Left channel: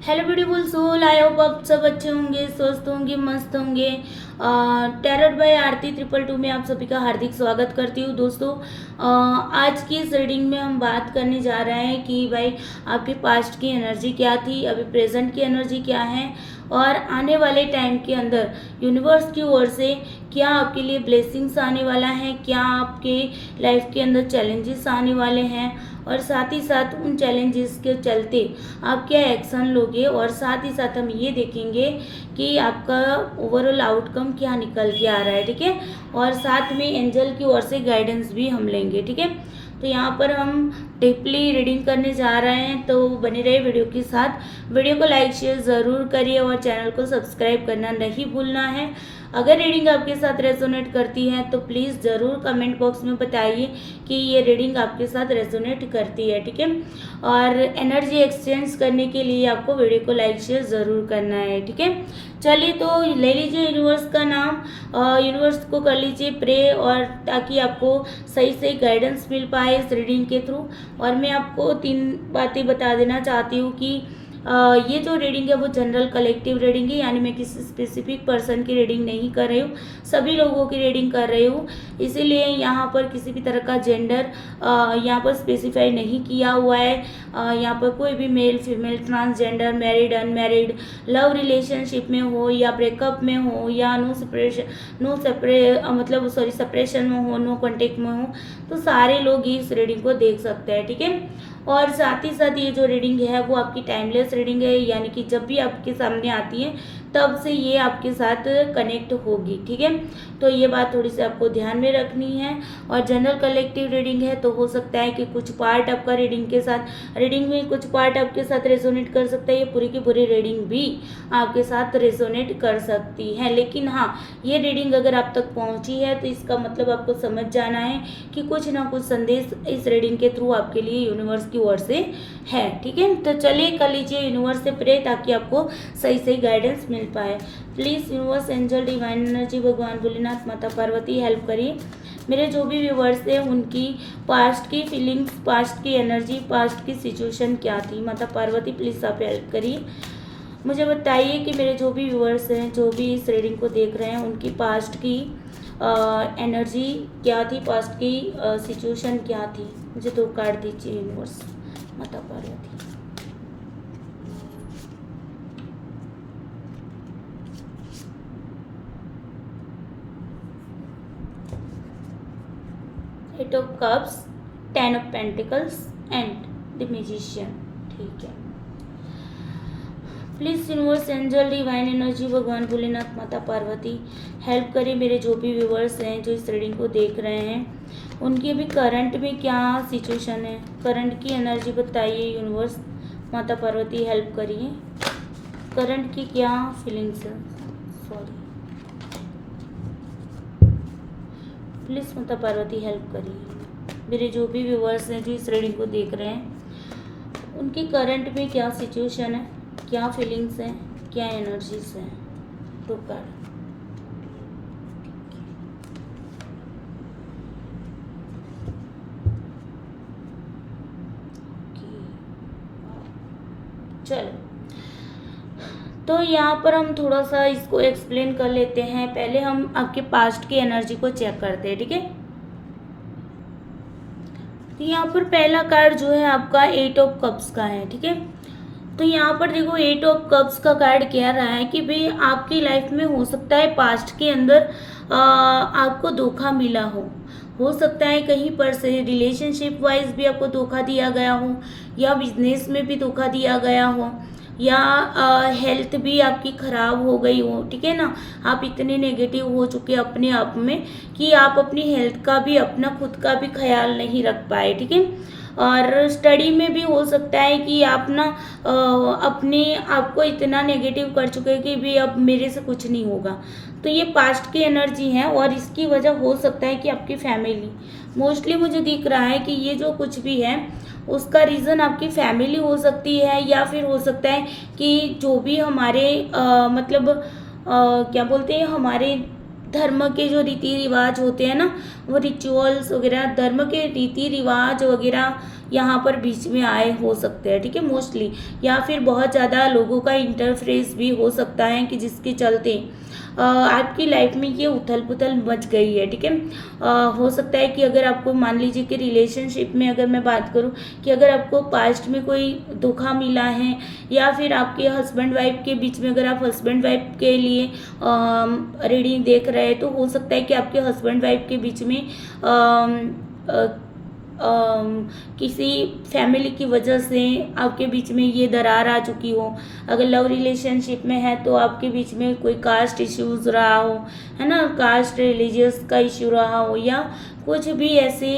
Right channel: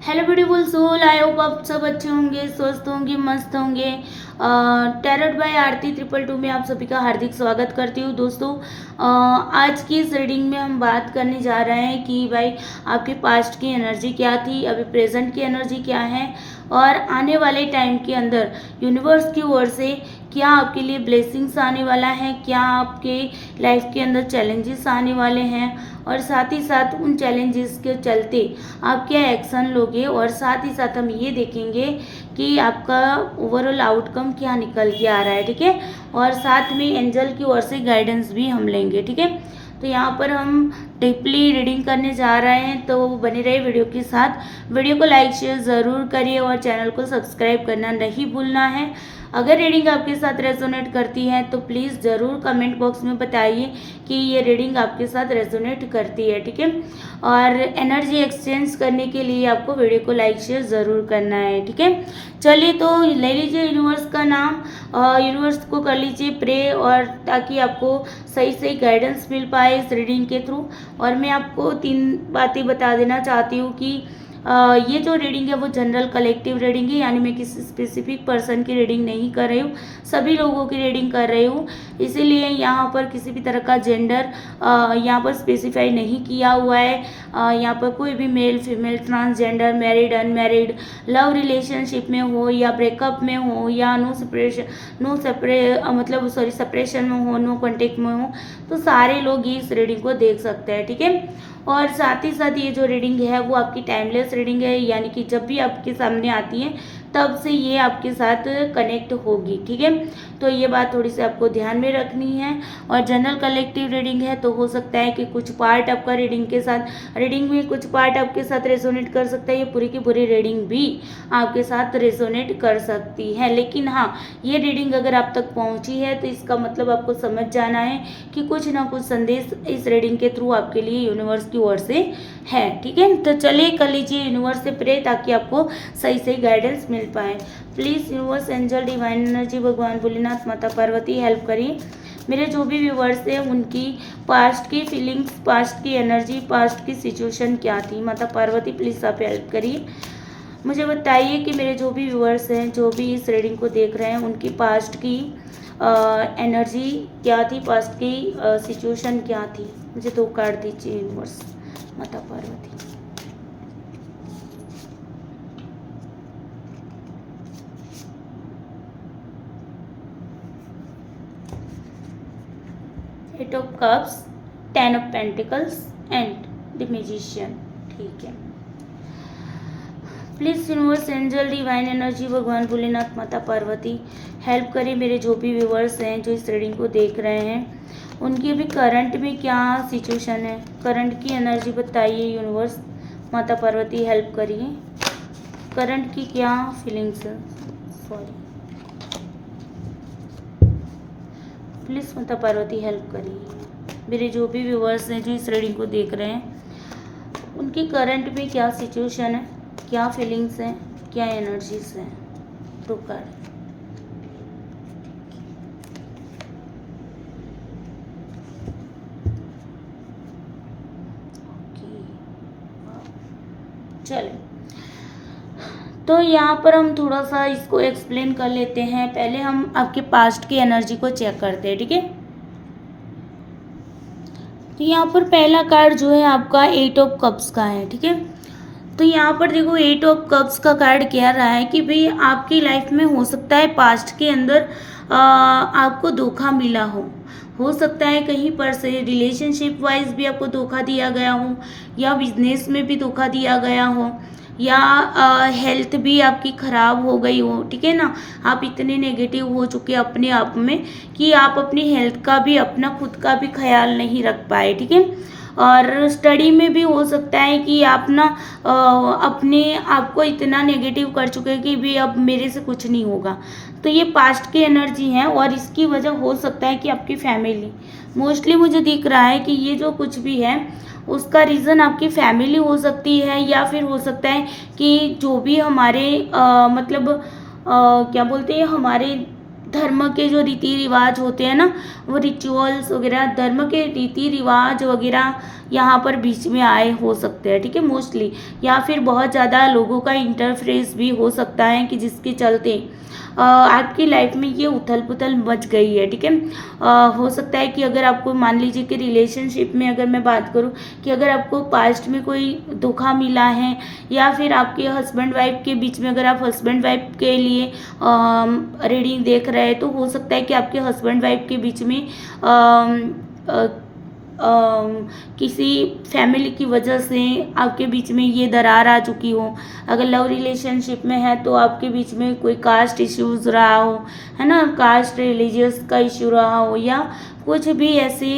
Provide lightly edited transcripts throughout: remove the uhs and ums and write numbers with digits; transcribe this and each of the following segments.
Hello beautiful soul, I hope आप सब अच्छे होंगे, स्वस्थ होंगे, मस्त होंगे। टैरोट बाय आरती 222 में आप सभी का हार्दिक स्वागत करती हूँ दोस्तों। आज की इस रीडिंग में हम बात करने जा रहे हैं कि भाई आपके पास्ट की एनर्जी क्या थी, अभी प्रेजेंट की एनर्जी क्या है और आने वाले टाइम के अंदर यूनिवर्स की ओर से क्या आपके लिए ब्लेसिंग्स आने वाला है, क्या आपके लाइफ के अंदर चैलेंजेस आने वाले हैं और साथ ही साथ उन चैलेंजेस के चलते आप क्या एक्शन लोगे और साथ ही साथ हम ये देखेंगे कि आपका ओवरऑल आउटकम क्या निकल के आ रहा है। ठीक है, और साथ में एंजल की ओर से गाइडेंस भी हम लेंगे। ठीक है, तो यहाँ पर हम डीपली रीडिंग करने जा रहे हैं, तो बने रहे वीडियो के साथ। वीडियो को लाइक शेयर ज़रूर करिए और चैनल को सब्सक्राइब करना नहीं भूलना है। अगर रीडिंग आपके साथ रेजोनेट करती है तो प्लीज़ ज़रूर कमेंट बॉक्स में बताइए कि ये रीडिंग आपके साथ रेजोनेट करती है। ठीक है, और एनर्जी एक्सचेंज करने के लिए आपको वीडियो को लाइक शेयर ज़रूर करना है। ठीक है, चलिए तो ले लीजिए यूनिवर्स का नाम, यूनिवर्स को कर लीजिए प्रे, और ताकि आपको सही सही गाइडेंस मिल पाए इस रीडिंग के थ्रू। और मैं आपको 3 बातें बता देना चाहती हूँ कि ये जो रीडिंग है वो जनरल कलेक्टिव रीडिंग है, यानी मैं किसी स्पेसिफिक पर्सन की रीडिंग नहीं कर रही हूँ, सभी लोगों की रीडिंग कर रही हूँ। इसीलिए यहाँ पर किसी भी तरह का जेंडर यहाँ पर स्पेसिफाई नहीं किया हुआ है। यहाँ पर कोई भी male female transgender, married unmarried, love relationship में हो या ब्रेकअप में हो या मतलब सेपरेशन में हो, नो कॉन्टेक्ट में हो, तो सारे लोग इस रीडिंग को देख सकते हैं। ठीक है, और साथ ही साथ ये जो रीडिंग है वो आपकी टाइमलेस रीडिंग है, यानी कि जब भी आपके सामने आती है तब से ये आपके साथ कनेक्ट होगी। ठीक है, तो ये बात थोड़ी सी आपको ध्यान में रखनी है। और जनरल कलेक्टिव रीडिंग है तो हो सकता है कि कुछ पार्ट आपका रीडिंग में कुछ पार्ट आपके साथ रेजोनेट कर सकता है, ये पूरी की पूरी रीडिंग भी आपके साथ रेजोनेट कर सकती है। लेकिन हाँ, ये रीडिंग अगर आप तक पहुंची है तो इसका मतलब आपको समझ जाना है कि कुछ ना कुछ संदेश इस रीडिंग के थ्रू आपके लिए यूनिवर्स की ओर से है। ठीक है, तो चलिए कर लीजिए यूनिवर्स से प्रे ताकि आपको सही सही गाइडेंस मिल पाए। Please universe, angel, divine energy, भगवान भोलेनाथ, माता पार्वती हेल्प करिए मेरे जो भी व्यूवर्स थे उनकी पास्ट की फीलिंग्स, पास्ट की एनर्जी, पास्ट की सिचुएशन क्या थी। माता पार्वती प्लीज़ आप हेल्प करिए, मुझे बताइए कि मेरे जो भी व्यूवर्स हैं, जो भी इस रीडिंग को देख रहे हैं, उनकी पास्ट की एनर्जी क्या थी, पास्ट की सिचुएशन क्या थी। मुझे 2 कार्ड दीजिए यूनिवर्स, माता Parvati. Eight of cups, 10 of pentacles and the magician. ठीक है, please universe, angel, divine energy, भगवान भोलेनाथ, माता पार्वती हेल्प करें मेरे जो भी व्यूवर्स हैं जो इस रीडिंग को देख रहे हैं, उनकी भी करंट में क्या सिचुएशन है, करंट की एनर्जी बताइए यूनिवर्स। माता पार्वती हेल्प करिए, करंट की क्या फीलिंग्स है। सॉरी, प्लीज़ माता पार्वती हेल्प करिए मेरे जो भी व्यूवर्स हैं जो इस रीडिंग को देख रहे हैं, उनकी करंट में क्या सिचुएशन है, क्या फीलिंग्स हैं, क्या एनर्जीज हैं। टू कार्ड, चलो तो यहाँ पर हम थोड़ा सा इसको एक्सप्लेन कर लेते हैं। पहले हम आपके पास्ट की एनर्जी को चेक करते हैं। ठीक है, तो यहाँ पर पहला कार्ड जो है आपका 8 ऑफ कप्स का है। ठीक है, तो यहाँ पर देखो 8 ऑफ कप्स का कार्ड कह रहा है कि भाई आपकी लाइफ में हो सकता है पास्ट के अंदर आपको धोखा मिला हो सकता है कहीं पर से रिलेशनशिप वाइज भी आपको धोखा दिया गया हो, या बिजनेस में भी धोखा दिया गया हो, या हेल्थ भी आपकी ख़राब हो गई हो। ठीक है ना, आप इतने नेगेटिव हो चुके अपने आप में कि आप अपनी हेल्थ का भी, अपना खुद का भी ख्याल नहीं रख पाए। ठीक है, और स्टडी में भी हो सकता है कि आप ना अपने आप को इतना नेगेटिव कर चुके हैं कि भी अब मेरे से कुछ नहीं होगा। तो ये पास्ट की एनर्जी है और इसकी वजह हो सकता है कि आपकी फैमिली, मोस्टली मुझे दिख रहा है कि ये जो कुछ भी है उसका रीज़न आपकी फैमिली हो सकती है, या फिर हो सकता है कि जो भी हमारे मतलब क्या बोलते हैं, हमारे धर्म के जो रीति रिवाज होते हैं ना, वो रिचुअल्स वगैरह, धर्म के रीति रिवाज वगैरह यहाँ पर बीच में आए हो सकते हैं, ठीक है, मोस्टली। या फिर बहुत ज़्यादा लोगों का इंटरफेरेंस भी हो सकता है कि जिसके चलते आपकी लाइफ में ये उथल पुथल मच गई है, ठीक है। हो सकता है कि अगर आपको मान लीजिए कि रिलेशनशिप में अगर मैं बात करूं कि अगर आपको पास्ट में कोई धोखा मिला है, या फिर आपके हस्बैंड वाइफ के बीच में अगर आप हस्बैंड वाइफ के लिए रीडिंग देख रहे हैं, तो हो सकता है कि आपके हस्बैंड वाइफ के बीच में किसी फैमिली की वजह से आपके बीच में ये दरार आ चुकी हो। अगर लव रिलेशनशिप में है तो आपके बीच में कोई कास्ट इश्यूज रहा हो, है ना, कास्ट रिलीजियस का इश्यू रहा हो, या कुछ भी ऐसे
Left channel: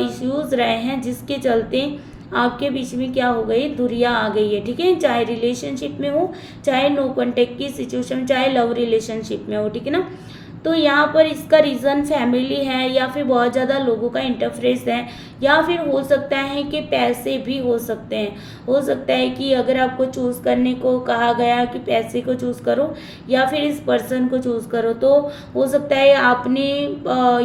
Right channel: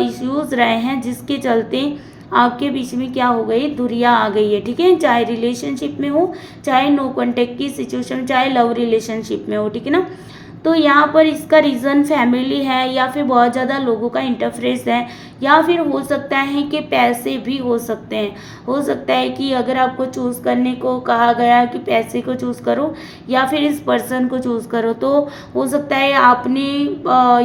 इश्यूज रहे हैं जिसके चलते आपके बीच में क्या हो गई, दूरियां आ गई है, ठीक है। चाहे रिलेशनशिप में हो, चाहे नो कॉन्टेक्ट की सिचुएशन, चाहे लव रिलेशनशिप में हो, ठीक है ना। तो यहाँ पर इसका रीज़न फैमिली है, या फिर बहुत ज़्यादा लोगों का इंटरफेरेंस है, या फिर हो सकता है कि पैसे भी हो सकते हैं। हो सकता है कि अगर आपको चूज़ करने को कहा गया कि पैसे को चूज़ करो या फिर इस पर्सन को चूज़ करो, तो हो सकता है आपने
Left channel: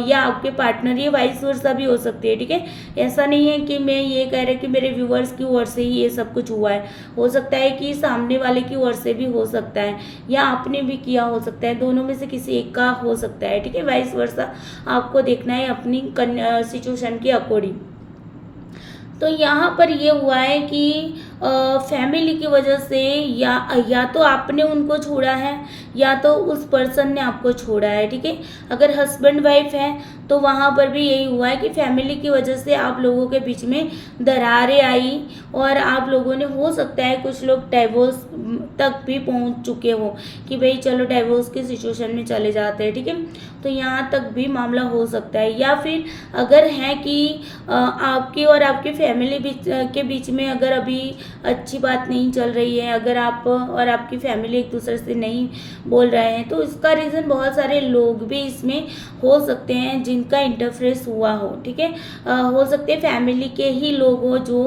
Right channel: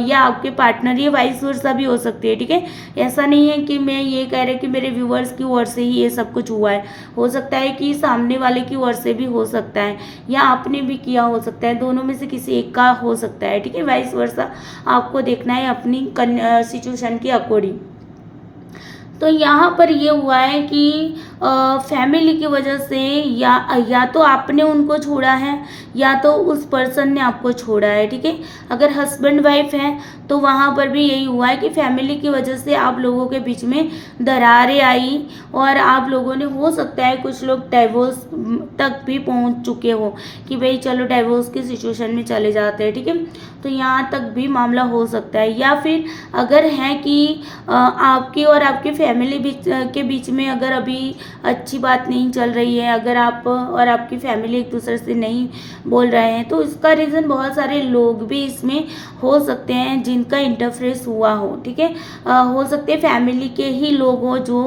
या आपके पार्टनर, ये वाइस वर्सा भी हो सकती है, ठीक है। ऐसा नहीं है कि मैं ये कह रही कि मेरे व्यूअर्स की ओर से ही ये सब कुछ हुआ है। हो सकता है कि सामने वाले की ओर से भी हो सकता है, या आपने भी किया हो सकता है, दोनों में से किसी एक का हो सकता है, ठीक है। वाइस वर्सा आपको देखना है अपनी सिचुएशन के अकॉर्डिंग। तो यहाँ पर ये हुआ है कि फैमिली की वजह से या तो आपने उनको छोड़ा है, या तो उस पर्सन ने आपको छोड़ा है, ठीक है। अगर हस्बैंड वाइफ हैं तो वहाँ पर भी यही हुआ है कि फैमिली की वजह से आप लोगों के बीच में दरारें आई, और आप लोगों ने, हो सकता है कुछ लोग डाइवोर्स तक भी पहुँच चुके हो कि भाई चलो डाइवोर्स की सिचुएशन में चले जाते हैं, ठीक है। तो यहाँ तक भी मामला हो सकता है। या फिर अगर है कि आपकी और आपकी फैमिली के बीच में अगर अभी अच्छी बात नहीं चल रही है, अगर आप और आपकी फैमिली एक दूसरे से नहीं बोल रहे हैं, तो इसका रीज़न बहुत सारे लोग भी इसमें हो सकते हैं जिनका इंटरफेरेंस हुआ हो, ठीक है। हो सकते हैं फैमिली के ही लोग हों जो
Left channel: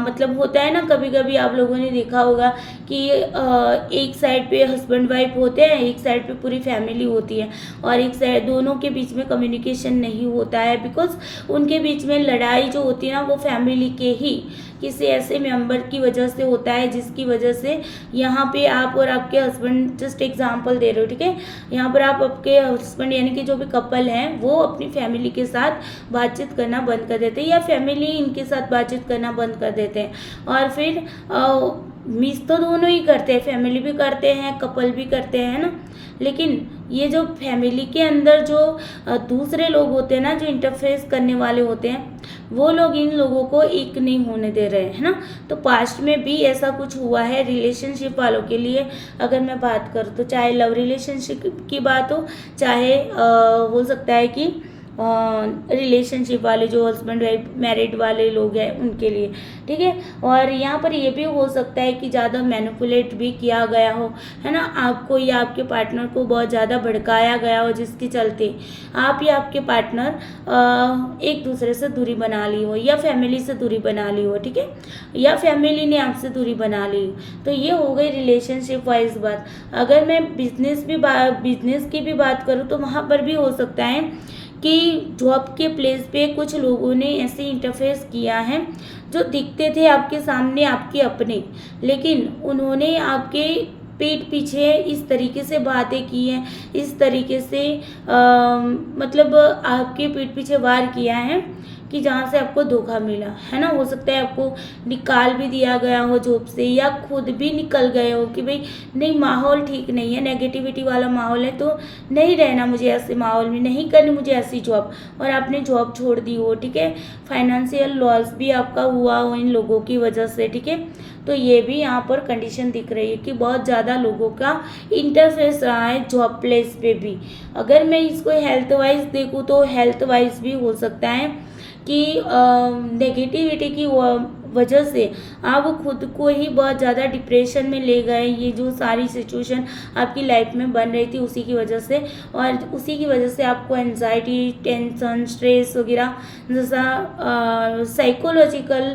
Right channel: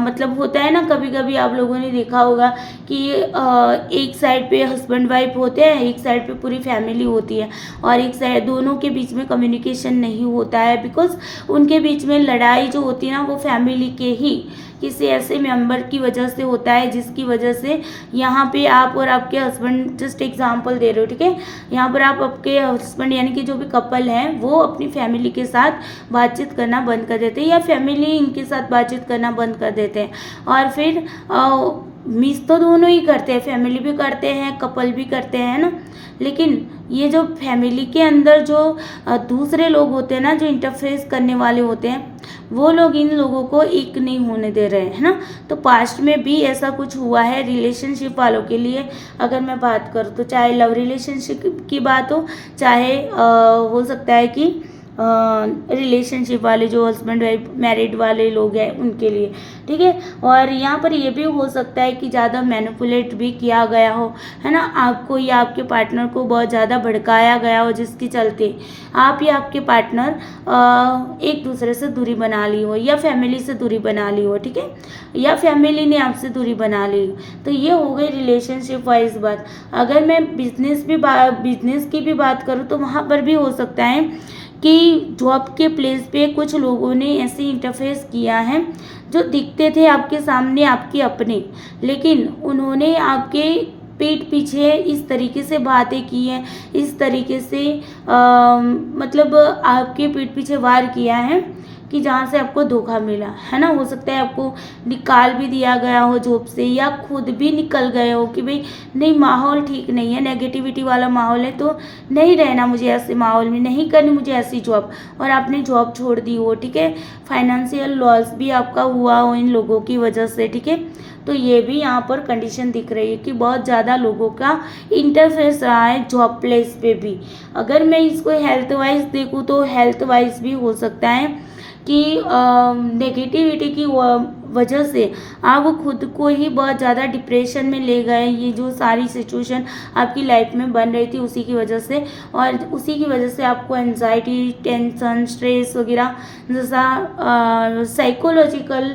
मतलब होता है ना, कभी कभी आप लोगों ने देखा होगा कि एक साइड पे हस्बैंड वाइफ होते हैं, एक साइड पे पूरी फैमिली होती है, और एक साइड दोनों के बीच में कम्युनिकेशन नहीं होता है, बिकॉज उनके बीच में लड़ाई जो होती है ना, वो फैमिली के ही किसी ऐसे मेंबर की वजह से होता है, जिसकी वजह से यहाँ पे आप और आपके हस्बैंड, जस्ट एग्जांपल दे रहे हो, ठीक है, यहाँ पर आप आपके हस्बैंड यानी कि जो भी कपल हैं वो अपनी फैमिली के साथ बातचीत करना बंद कर देते हैं, या फैमिली इनके साथ बातचीत करना बंद कर देते हैं, और फिर मिस तो दोनों ही करते हैं, फैमिली भी करते हैं, कपल भी करते हैं ना। लेकिन ये जो फैमिली के अंदर जो दूसरे लोग होते हैं ना, जो इंटरफेस करने वाले होते हैं, वो लोग इन लोगों को एक नहीं होने दे रहे हैं, है ना। तो पास्ट में भी ऐसा कुछ हुआ है रिलेशनशिप वालों के लिए। अगर मैं बात करूँ तो चाहे लव रिलेशनशिप की बात हो, चाहे हो सकता है कि रिलेशनशिप वाले जो हस्बैंड वाइफ मैरिड वाले लोग हैं उनके लिए, ठीक है। और यहाँ पर ये भी हो सकता है कि ज़्यादा मैनिपुलेट भी किया गया हो, है ना, आपको या आपके पार्टनर को बहुत ज़्यादा भड़काया गया हो, जिसके चलते आप या आपके पार्टनर एक दूसरे से दूरी बना ली हो, या फैमिली से दूरी बना ली हो, ठीक है, या फैमिली ने आपसे दूरी बना ली हो। तो ये हो गई रिलेशनशिप वाइज बात। अगर मैं बिजनेस की भी बात करूँ तो वहाँ पर भी हो सकता है कि जॉब के प्लेस पे कुछ लोगों ने ऐसे इंटरफेस किया है जो दिखते थे आपके सामने आपके अपने, लेकिन उन्होंने आपके पीठ पीछे इस तरीके से बातें की हैं, इस तरीके से मतलब आपके पीठ पीछे वार किया है कि जहाँ से आपको धोखा मिला, है ना। हो सकता है आपको निकाल भी दिया गया हो जॉब से, या खुद भी निकल गए हो कि भाई नहीं, माहौल ठीक नहीं है, नेगेटिविटी वाला माहौल है, तो नहीं रहना मुझे ऐसे माहौल में, नहीं करनी मुझे ऐसी जॉब, और आपने जॉब छोड़ दी हो, ठीक है। फाइनेंशियल लॉस भी आपका हुआ हो इन लोगों की वजह से, ठीक है। तो ये भी यहाँ पर कंडीशन दिख रही है कि बहुत ज़्यादा लोगों का इंटरफेरेंस रहा है जॉब प्लेस पे भी। अगर मैं इसको हेल्थ वाइज देखूँ तो हेल्थ वाइज भी हो सकता है कि नेगेटिविटी की वजह से आप खुद को ही बहुत ज़्यादा डिप्रेशन में ले गए। ये जो सारी सिचुएशन आपकी लाइफ में बन रही थी उसी की वजह से, और उसी की वजह से आपको एंजाइटी, टेंशन, स्ट्रेस वगैरह जैसा साइकोलॉजिकल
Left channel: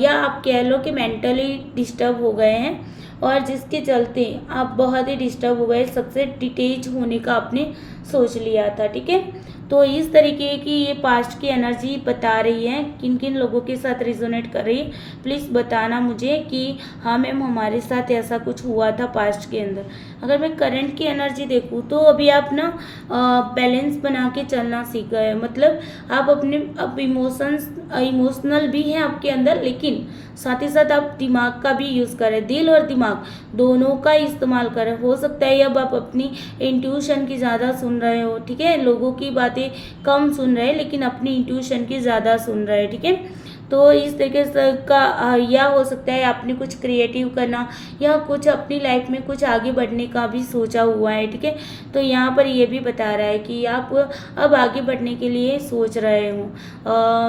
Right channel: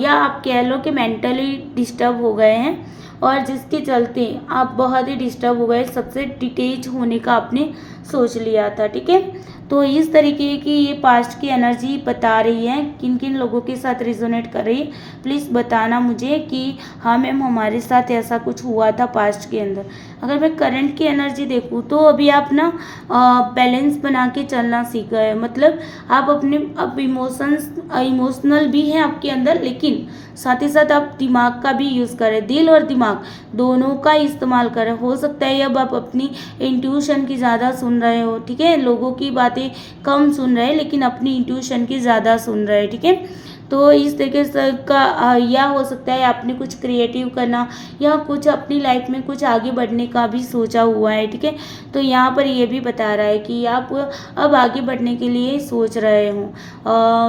या आप कह लो कि मेंटली डिस्टर्ब हो गए हैं, और जिसके चलते आप बहुत ही डिस्टर्ब हो गए, सबसे डिटेच होने का आपने सोच लिया था, ठीक है। तो इस तरीके की ये पास्ट की एनर्जी बता रही है, किन किन लोगों के साथ रिजोनेट कर रही है प्लीज़ बताना मुझे कि हाँ मैम हमारे साथ ऐसा कुछ हुआ था पास्ट के अंदर। अगर मैं करंट की एनर्जी देखूँ तो अभी आप ना बैलेंस बना के चलना सीख गए, मतलब आप अपने अब इमोशनल भी हैं आपके अंदर, लेकिन साथ ही साथ आप दिमाग का भी यूज़ करें, दिल और दिमाग दोनों का इस्तेमाल करें। हो सकता है अब आप अपनी इंट्यूशन की ज़्यादा सुन रहे हो, ठीक है, लोगों की बातें कम सुन रहे हैं लेकिन अपनी इंट्यूशन की ज़्यादा सुन रहे हैं, ठीक है। तो इस तरीके से का या हो सकता है आपने कुछ क्रिएटिव करना या कुछ अपनी लाइफ में कुछ आगे बढ़ने का भी सोचा हुआ है, ठीक है। तो यहाँ पर ये भी बता रहा है कि आप अब आगे बढ़ने के लिए सोच रहे हो,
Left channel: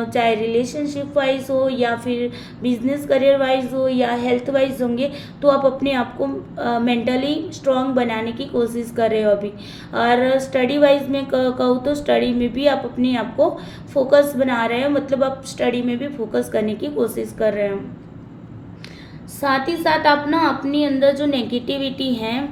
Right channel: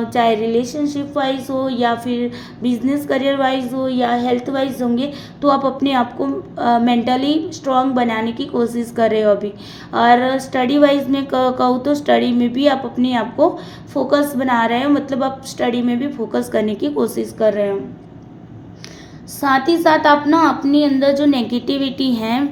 चाहे रिलेशनशिप वाइज हो या फिर बिजनेस करियर वाइज हो या हेल्थ वाइज होंगे, तो आप अपने आप को मेंटली स्ट्रांग बनाने की कोशिश कर रहे हो अभी। और स्टडी वाइज में कहूँ तो स्टडी में भी आप अपने आप को फोकस बना रहे हो, मतलब आप स्टडी में भी फोकस करने की कोशिश कर रहे हो। साथ ही साथ आप ना अपने अंदर जो नेगेटिविटी है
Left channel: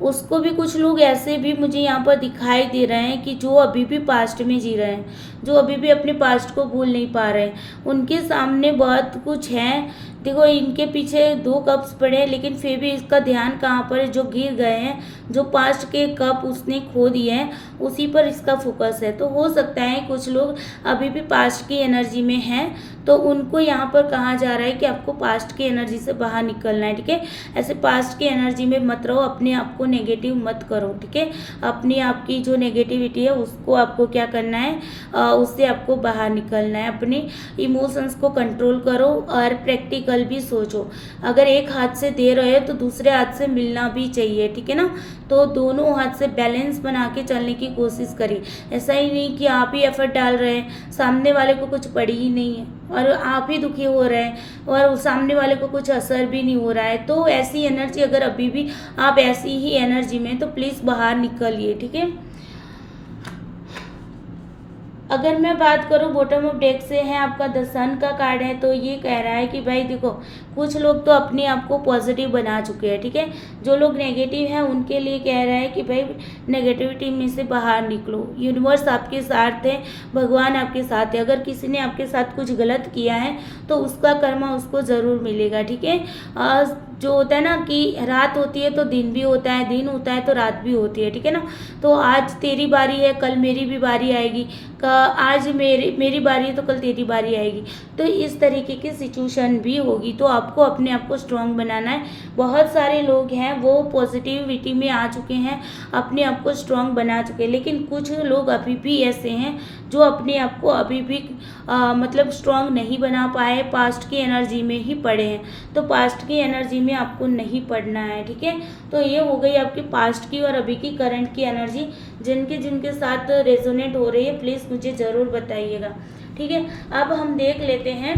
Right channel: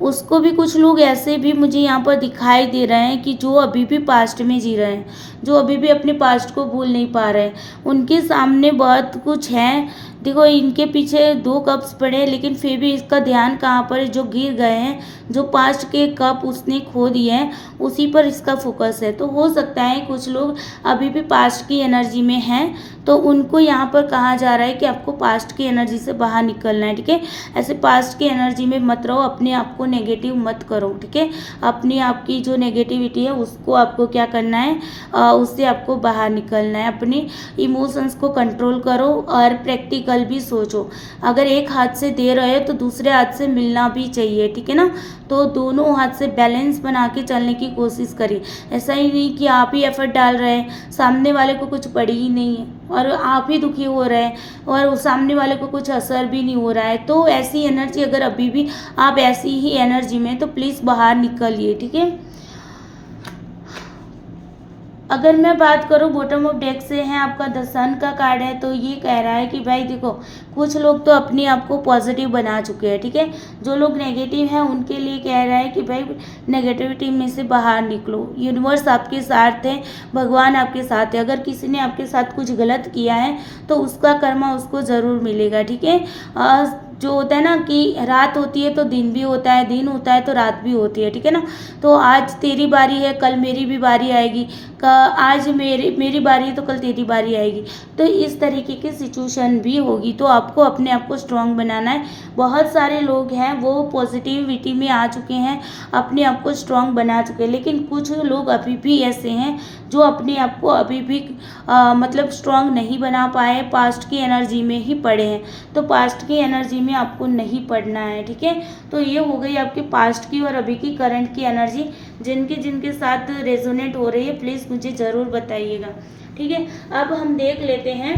उसको भी, कुछ लोग ऐसे भी मुझे यहाँ पर दिखाई दे रहे हैं कि जो अभी भी पास्ट में जी रहे हैं, जो अभी भी अपने पास्ट को भूल नहीं पा रहे हैं, उनके सामने बहुत कुछ है। देखो इनके पीछे 2 कप्स पड़े लेकिन फिर भी इसका ध्यान कहाँ पर है, जो गिर गए हैं, जो पास्ट के कप उसने खो दिए हैं उसी पर इसका फोकस है। तो हो सकता है कुछ लोग अभी भी पास्ट की एनर्जी में हैं, तो उनको यहाँ पर कहा जा रहा है कि आपको पास्ट की एनर्जी से बाहर निकलना है, ठीक है। ऐसे पास्ट की एनर्जी में मत रहो, अपने आप को नेगेटिव मत करो, ठीक है। अपनी आपकी जो नेगेटिविटी है उसको आपको क्या करना है, उससे आपको बाहर निकलना है। अपने इमोशंस को कंट्रोल करो और प्रैक्टिकल भी सोचो। अगर एक हाथ से दे रहे हो तो दूसरे हाथ से मिलना भी चाहिए, ठीक है ना। तो दोनों हाथ से बैलेंस बना के चलने की कोशिश करिए। ऐसा ही नहीं कि आप ही एफर्ट डाल रहे हैं, सामने वाले को कुछ पड़ी ही नहीं है और आप ही दुखी हो रहे हैं और सामने वाले को कुछ असर भी नहीं हो रहा है। तो ऐसी एनर्जी, अगर अभी भी आप ऐसी ही एनर्जी में, तो प्लीज़ बाहर निकलिए, ठीक है। अगर मैं बात करूँ बॉटम ऑफ डेक से है आपका द सन का कार्ड है, तो ये कह रहा है कि भाई देखो कुछ लोग तो अपने आप को पॉजिटिव बना चुके हैं, ठीक है। जो लोग नेगेटिव हैं उनके लिए कह रहा है कि भाई नेगेटिविटी में से बाहर निकलो, यूनिवर्स आपके साथ है, भगवान आपके साथ है। अगर किसी ने आपके साथ कुछ गलत किया है तो उसका कर्मा उसको ज़रूर मिलेगा, ठीक है। जो होता है ना कि रात होती है तो दिन भी होता है, दिन होता है तो रात भी होती है, ठीक है ना। तो आज तेरी बारी है, कल मेरी भी बारी आएगी, आज मेरी बारी है तो कल तेरी बारी आएगी। तो इस तरीके की सिचुएशन भी होगी, तो आपको अपने आप को स्ट्रांग बनाना है। बहुत सारे लोग हैं वो पॉजिटिविटी में आ चुके हैं, अपने आप को स्ट्रांग बना चुके हैं, लेकिन कुछ लोग अभी भी ऐसे हैं जो अपने आप को अभी भी मतलब स्ट्रांग नहीं बना पाए, पास्ट की एनर्जी में ही पड़े हैं। तो पास्ट की एनर्जी में आपको नहीं पड़ना है, ठीक है। तो ये हो गई आपकी पास्ट की और अभी की करंट की एनर्जी। जिनके साथ रेजोनेट हो रही है प्लीज़ मुझे ज़रूर बताइएगा, ठीक है। अब हम देख लेते हैं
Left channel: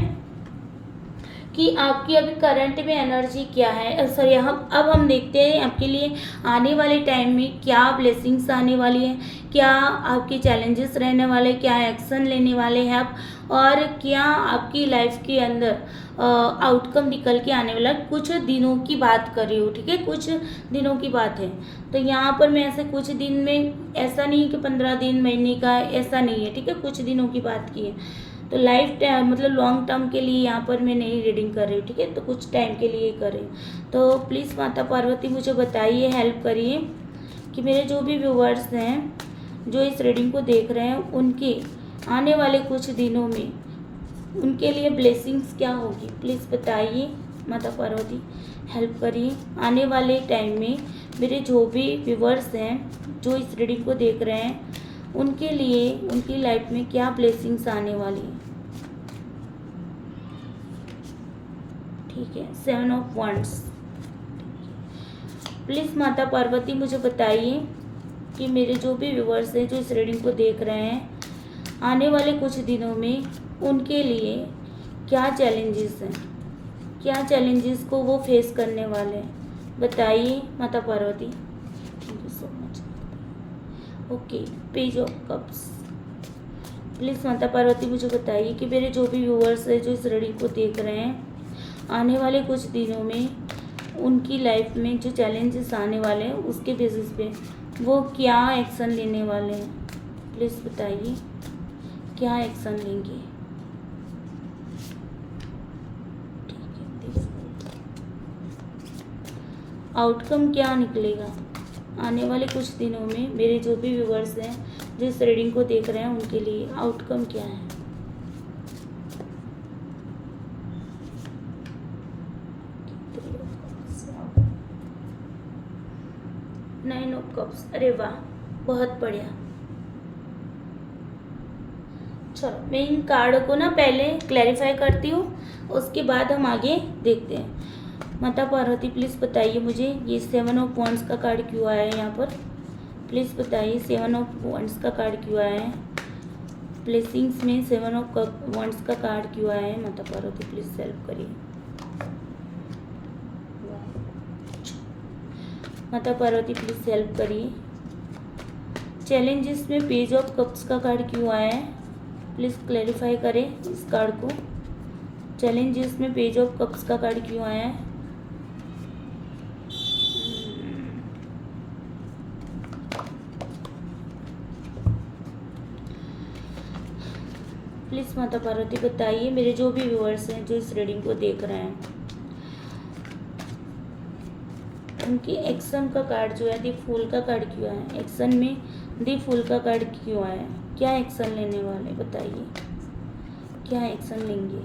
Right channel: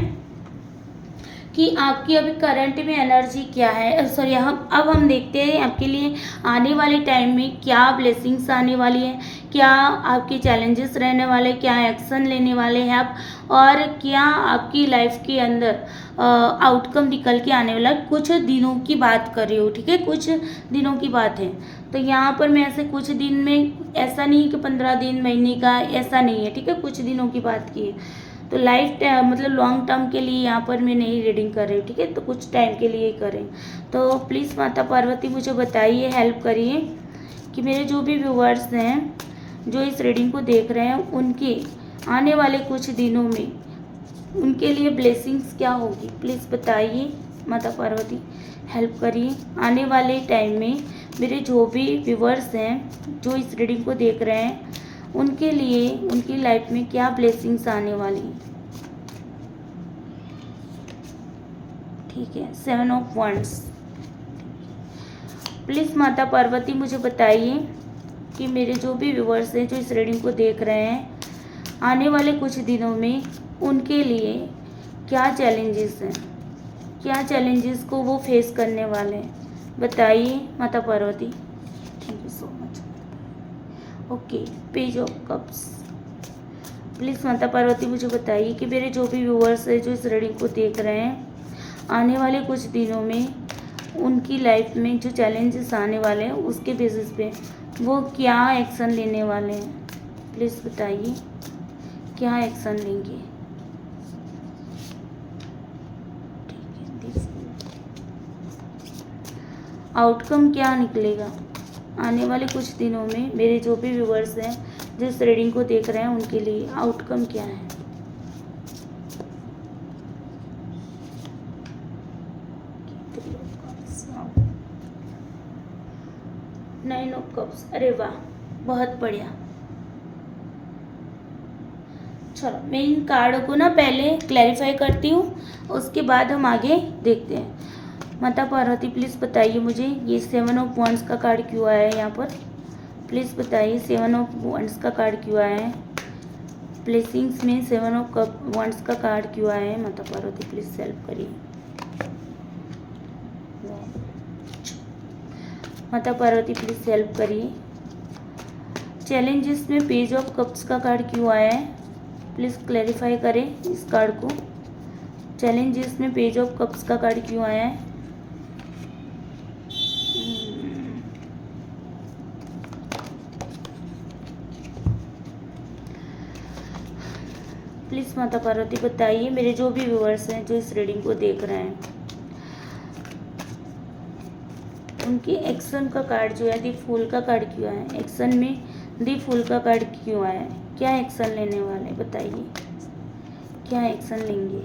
कि आपकी अभी करंट में एनर्जी क्या है, सॉरी अब हम देखते हैं आपके लिए आने वाले टाइम में क्या ब्लेसिंग्स आने वाली हैं, क्या आपके चैलेंजेस रहने वाले, क्या एक्शन लेने वाले हैं आप, और क्या आपकी लाइफ के अंदर आउटकम निकल के आने वाला। कुछ दिनों की बात कर रही हूँ, ठीक है, कुछ दिनों की बात है। तो यहाँ पर मैं ऐसे कुछ दिन में, ऐसा नहीं कि 15 दिन महीने का, ऐसा नहीं है, ठीक है, कुछ दिनों की बात की है। तो लाइफ मतलब लॉन्ग टर्म के लिए यहाँ पर मैं नहीं रीडिंग कर रही हूँ, ठीक है, तो कुछ टाइम के लिए करें। तो प्लीज़ माता पार्वती मुझे बताइए, हेल्प करिए कि मेरे जो भी व्यूवर्स हैं जो इस रीडिंग को देख रहे हैं उनके आने वाले कुछ दिनों में उनके लिए ब्लेसिंग्स क्या होगी, प्लीज़ बताइए माता पार्वती, हेल्प करिए। आने वाले टाइम में मेरे जो भी व्यूवर्स हैं जो इस रीडिंग को देख रहे हैं उनके लिए उनकी लाइफ में क्या ब्लेसिंग्स आने वाली है, ठीक है। 7 ऑफ वंड्स, प्लीज़ माता पार्वती मुझे बताइए कि मेरे जो भी व्यूवर्स हैं जो इस रीडिंग को देख रहे हैं आने वाले कुछ दिनों में उनके लिए क्या चैलेंजेस हैं, क्या चैलेंजेस को वो फेस करने वाले हैं, बताइए माता Parvati. Thank you so much. Okay, page of cups, please माता पार्वती मुझे बताइए कि मेरे जो भी व्यूअर्स हैं जो इस रीडिंग को देख रहे हैं आने वाले कुछ दिनों में उनकी लाइफ में जो चैलेंजेस आने वाले हैं उसके बेसिस पे वो क्या एक्शन लेने वाले हैं, प्लीज़ बताइए क्या एक्शन लेंगे। ठीक है, आउटकम क्या निकलेगा आने वाले कुछ दिनों में मेरे जो भी व्यूवर्स हैं जो इस रीडिंग को देख रहे हैं उनके लिए आउटकम क्या है। नाइन ऑफ कप्स, अरे वाह, बहुत बढ़िया। चलो मैं इन कार्ड को ना पहले क्लैरिफाई करती हूँ, उसके बाद हम आगे देखते हैं। माता पार्वती प्लीज़ बताइए मुझे ये 7 ऑफ वॉन्ड्स का कार्ड क्यों आया है यहाँ पर। प्लीज़ बताइए 7 ऑफ वॉन्ड्स का कार्ड क्यों आया है। ब्लेसिंग्स में 7 ऑफ वॉन्ड्स का कार्ड क्यों आया है। माता पार्वती प्लीज़ हेल्प करिए। माता पार्वती प्लीज़ हेल्प करिए। चैलेंजेस में पेज ऑफ कप्स का कार्ड क्यों आया है, प्लीज़ क्लैरिफाई करें इस कार्ड को। चैलेंजेस में पेज ऑफ कप्स का कार्ड क्यों आया है। प्लीज़ माता पार्वती बताइए मेरे जो भी व्यूअर्स हैं जो इस रीडिंग को देख रहे हैं उनकी एक्शन का कार्ड जो है दी फूल का कार्ड क्यों आया है। एक्शन में दी फूल का कार्ड क्यों आया है, क्या एक्शन लेने वाले बताइए, क्या एक्शन लेंगे।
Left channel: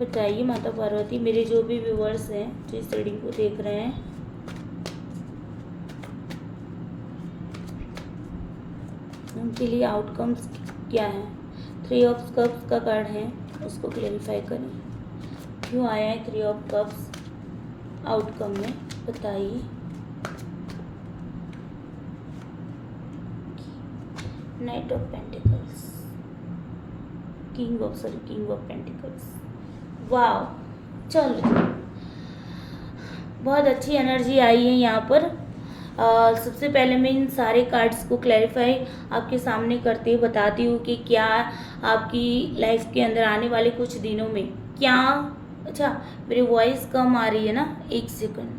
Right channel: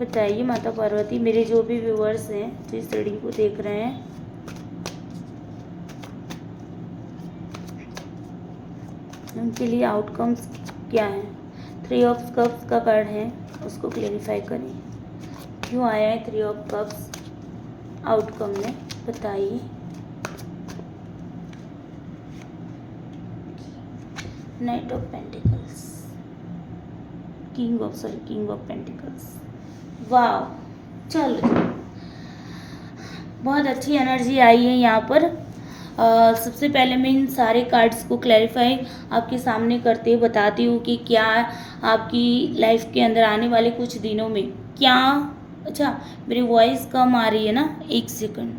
बताइए माता पार्वती मेरे जो भी व्यूअर्स हैं जो इस रीडिंग को देख रहे हैं उनके लिए आउटकम्स क्या है। 3 ऑफ कप्स का कार्ड है, उसको क्लैरिफाई करें क्यों आया है 3 ऑफ कप्स आउटकम में, बताइए। Night of pentacles, king of pentacles, वाह। चलो बहुत अच्छी एनर्जी आई है यहाँ पर। सबसे पहले मैं इन सारे कार्ड्स को क्लैरिफाई आपके सामने करते हुए बताती हूँ कि क्या आपकी लाइफ के अंदर आने वाले कुछ दिनों में क्या। अच्छा मेरी वॉइस कम आ रही है ना, 1 सेकंड।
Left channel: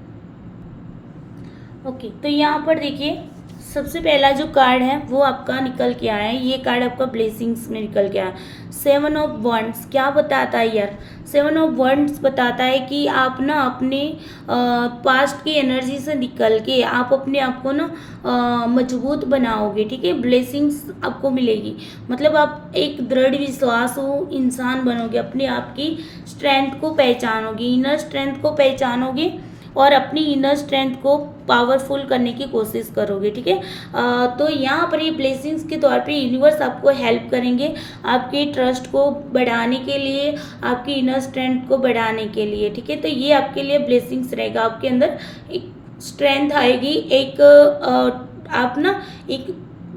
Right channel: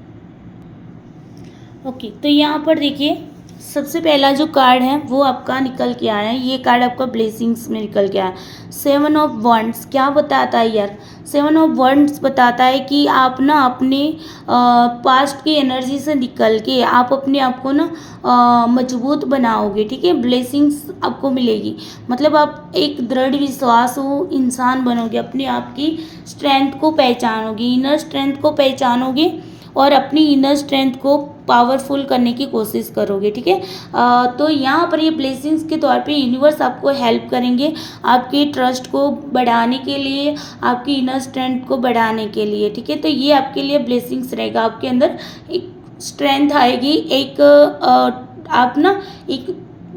ओके तो यहाँ पर देखिए सबसे पहला जो कार्ड है वो आपका निकल के आया है। ये कार्ड आपका ब्लेसिंग्स में निकल के आया। 7 ऑफ वॉन्ड्स क्या बताता है यार। 7 ऑफ वॉन्ड्स बताता है कि आप ना अपने पास्ट की एनर्जी से निकल के आप अपने आप को ना मजबूत बनाओगे, ठीक है। ब्लेसिंग्स आपको मिलेगी, मतलब आप एक दृढ़ विश्वास हो इंसान बनोगे, अपने आप की स्ट्रेंथ को पहचानोगे, इनर स्ट्रेंथ को पहचानोगे और अपनी इनर स्ट्रेंथ को पावरफुल करने की कोशिश करोगे, ठीक है। तो यहाँ पर ये ब्लेसिंग्स के तौर पे यूनिवर्स आपको हेल्प करेंगे आपकी ट्रस्ट को बढ़ाने के लिए, आपकी इनर स्ट्रेंथ को बढ़ाने के लिए, ठीक है। तो ये आपके लिए ब्लेसिंग्स रहेगा, आपके अंदर एक स्ट्रेंथ आएगी, एक आप ना एक